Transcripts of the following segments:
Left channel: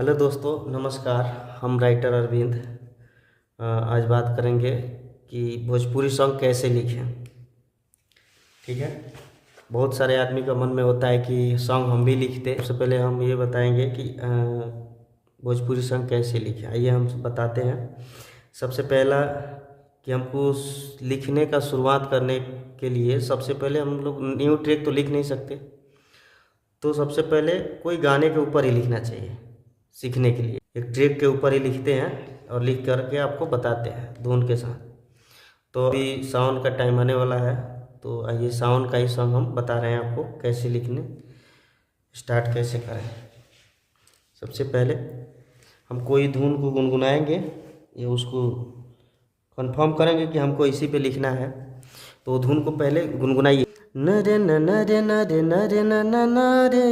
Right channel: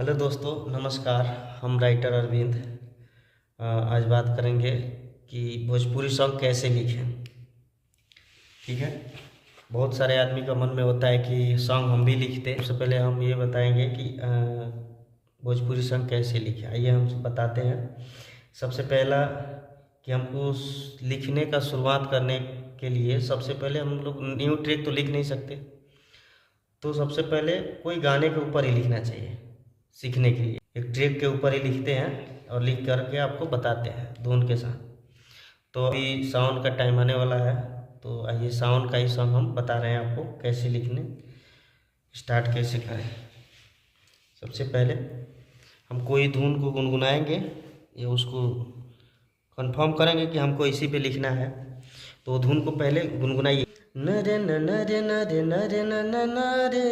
Hello दोस्तों, नमस्कार। हम राइटर अरविंद आज बात करेंगे कि भोजपुरी सॉन्ग कैसे लिखें। ठीक है। बहुत सारे आदमी का मन में होता है कि सॉन्ग हम भी लिखते। सबसे पहले हम ये बताएंगे कि भोजपुरी सॉन्ग कैसे लिखें। आइए हम बताते हैं। सबसे पहला कि हमको लिखने का शुरुआत करने के लिए सबसे पहले हम लोग न्यू ट्रैक तो लिख नहीं सकते, तो सबसे पहले कोई गाने के ऊपर ही लिखना चाहिए। सीखने के लिए एक ट्रैक के ऊपर ही लिखते हैं और लिख करके आपको बताते हैं धुन के साथ। तो अभी सावन का टाइम आने वाला है, तो आइए सावन का ही सॉन्ग हम बता रहे हैं आपको कैसे लिखने स्टार्ट कैसे करें। सबसे पहले हम कोई धुन को गुनगुनाएंगे या उसको कंफर्म करेंगे कि हमको इसी पे लिखना है, तो धुन को पहले गुनगुनाइए। नरे न नरे नरे नरे न न नरे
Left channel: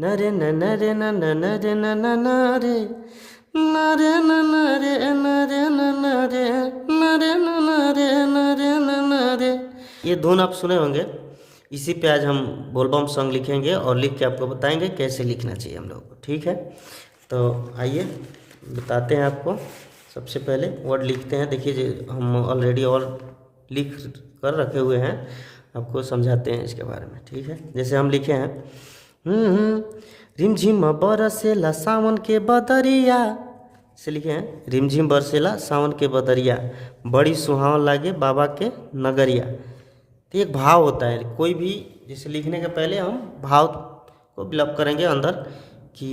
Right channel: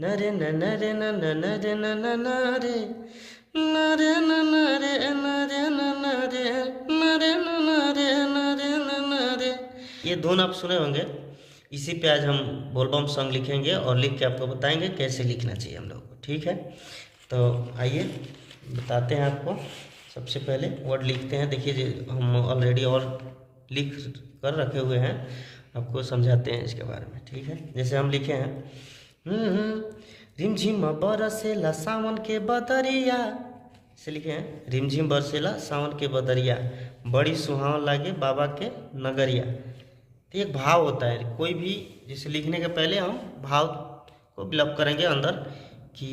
नरे न नरे न न नरे न न नरे नरे न नरे नरे न नरे नरे न नरे नरे न नरे। ये धुन आप सुने होंगे। इसी पे आज हम बोलबम सॉन्ग लिखेंगे और लिख के आपको बताएंगे कैसे लिखना चाहिए हम लोग को। ठीक है, तो आइए बताते हैं आपको। सबसे पहले वर्ड लिखते हैं। देखिए हम ऑलरेडी और लिख कर रखे हुए हैं, आपको समझाते हैं इसके बारे में। ठीक है, जैसे हम लिखे हैं रिमझिम बरसेला सावन के बदरिया से लिखे हैं। रिमझिम बरसेला सावन के बदरिया, बड़ी सुहावन लागे बाबा के नगरिया। तो एक भाव होता है कोई भी, जैसे लिखने के पहले हम भाव को बिल्डअप करेंगे अंदर कि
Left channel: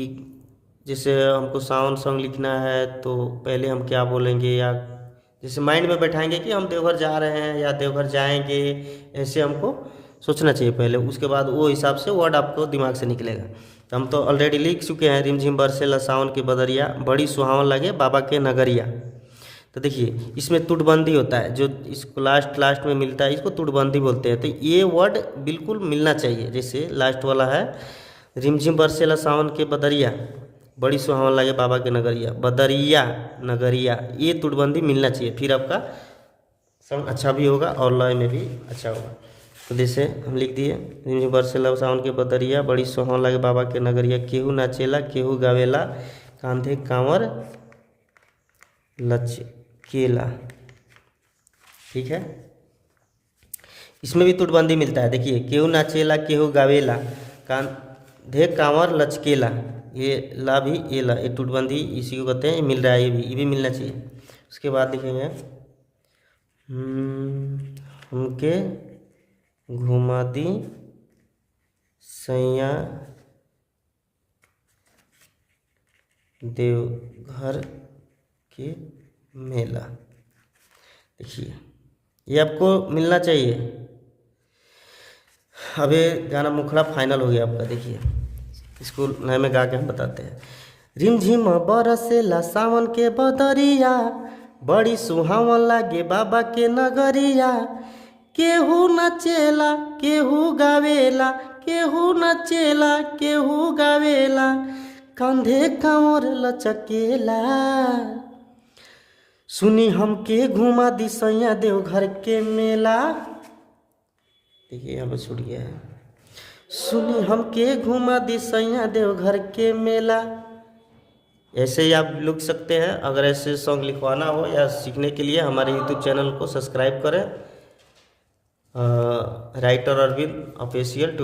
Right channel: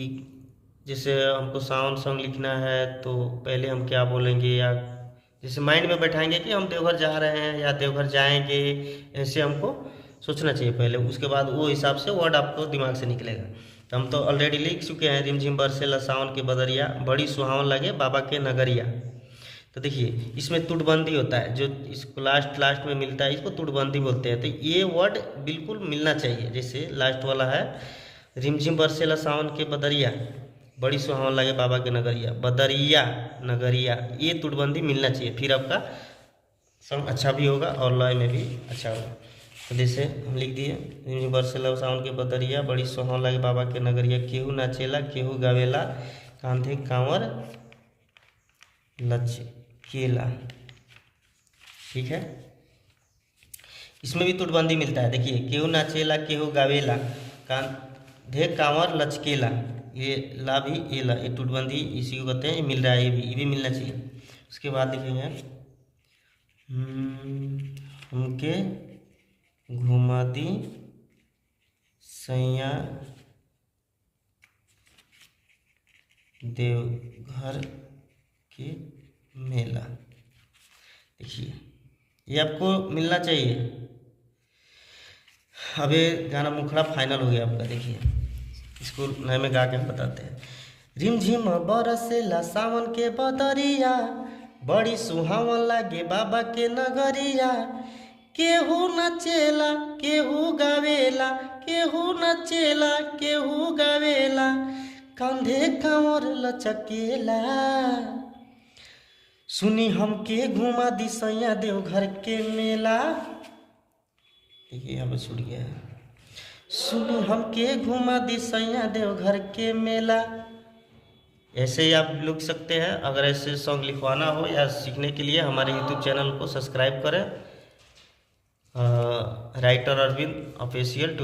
जैसे हमको सावन सॉन्ग लिखना है तो पहले हम क्या बोलेंगे, या जैसे माइंड में बैठाएंगे कि हम देवघर जा रहे हैं या देवघर जाएंगे, ऐसे हमको सोचना चाहिए पहले। उसके बाद वो हिसाब से वर्ड आपको दिमाग से निकलेगा। तो हम तो ऑलरेडी लिख चुके हैं रिमझिम बरसेला सावन की बदरिया, बड़ी सुहावन लगे बाबा के नगरिया। तो देखिए इसमें तुड़बंदी होता है, जो इसको लास्ट में मिलता है, इसको तुड़बंदी बोलते हैं। तो ये वर्ड बिल्कुल मिलना चाहिए। जैसे लास्ट वाला है रिमझिम बरसेला सावन के बदरिया, बड़ी सुहावन लगे बाबा के नगरिया, बदरिया नगरिया, ये तुड़बंदी मिलना चाहिए। फिर आपका सॉन्ग अच्छा भी होगा और लय में भी अच्छा होगा। तो जैसे हम लिख दिए रिमझिम बरसेला सावन के बदरिया, बड़ी सुहावन लगे बाबा के नगरिया, केहू नाचेला केहू गावेला, कांधे कांवर लचकेला। ठीक है, इसमें भी तुड़बंदी मिलता है। देखिए केहू नाचेला केहू गावेला, कांधे कांवर लचकेला, ये ला भी ये ला, ये तुड़बंदी इसी को कहते हैं। मिल रहा है, ये भी मिलना चाहिए। उसके बाद लिखेंगे हमके घुमा दी सैया देवघर के मेला। देखिए ये आपको मिलना चाहिए। अब ये गाना मुखड़ा फाइनल हो गया आपका। देखिए इसको नए में गा के हम बताते हैं। रिमझिम बरसेला सावन के बदरिया, बड़ी सुहावन लागे बाबा के नगरिया, केहू नचेला केहू गावेला, केहू नचेला केहू गावेला, कंधे कांवर लचकेला, सुनी हमके घुमा दी सैया देवघर के मेला। देखिए यहाँ पर छूट गया है। सुनी हमके घुमा दी सैया देवघर के मेला। ऐसे ही आप लिख सकते हैं। अगर ऐसे सॉन्ग लिखवाना हो या सीखने के लिए हमारे यूट्यूब चैनल को सब्सक्राइब करें, राइटर अरविंद ऑफिशियल 20।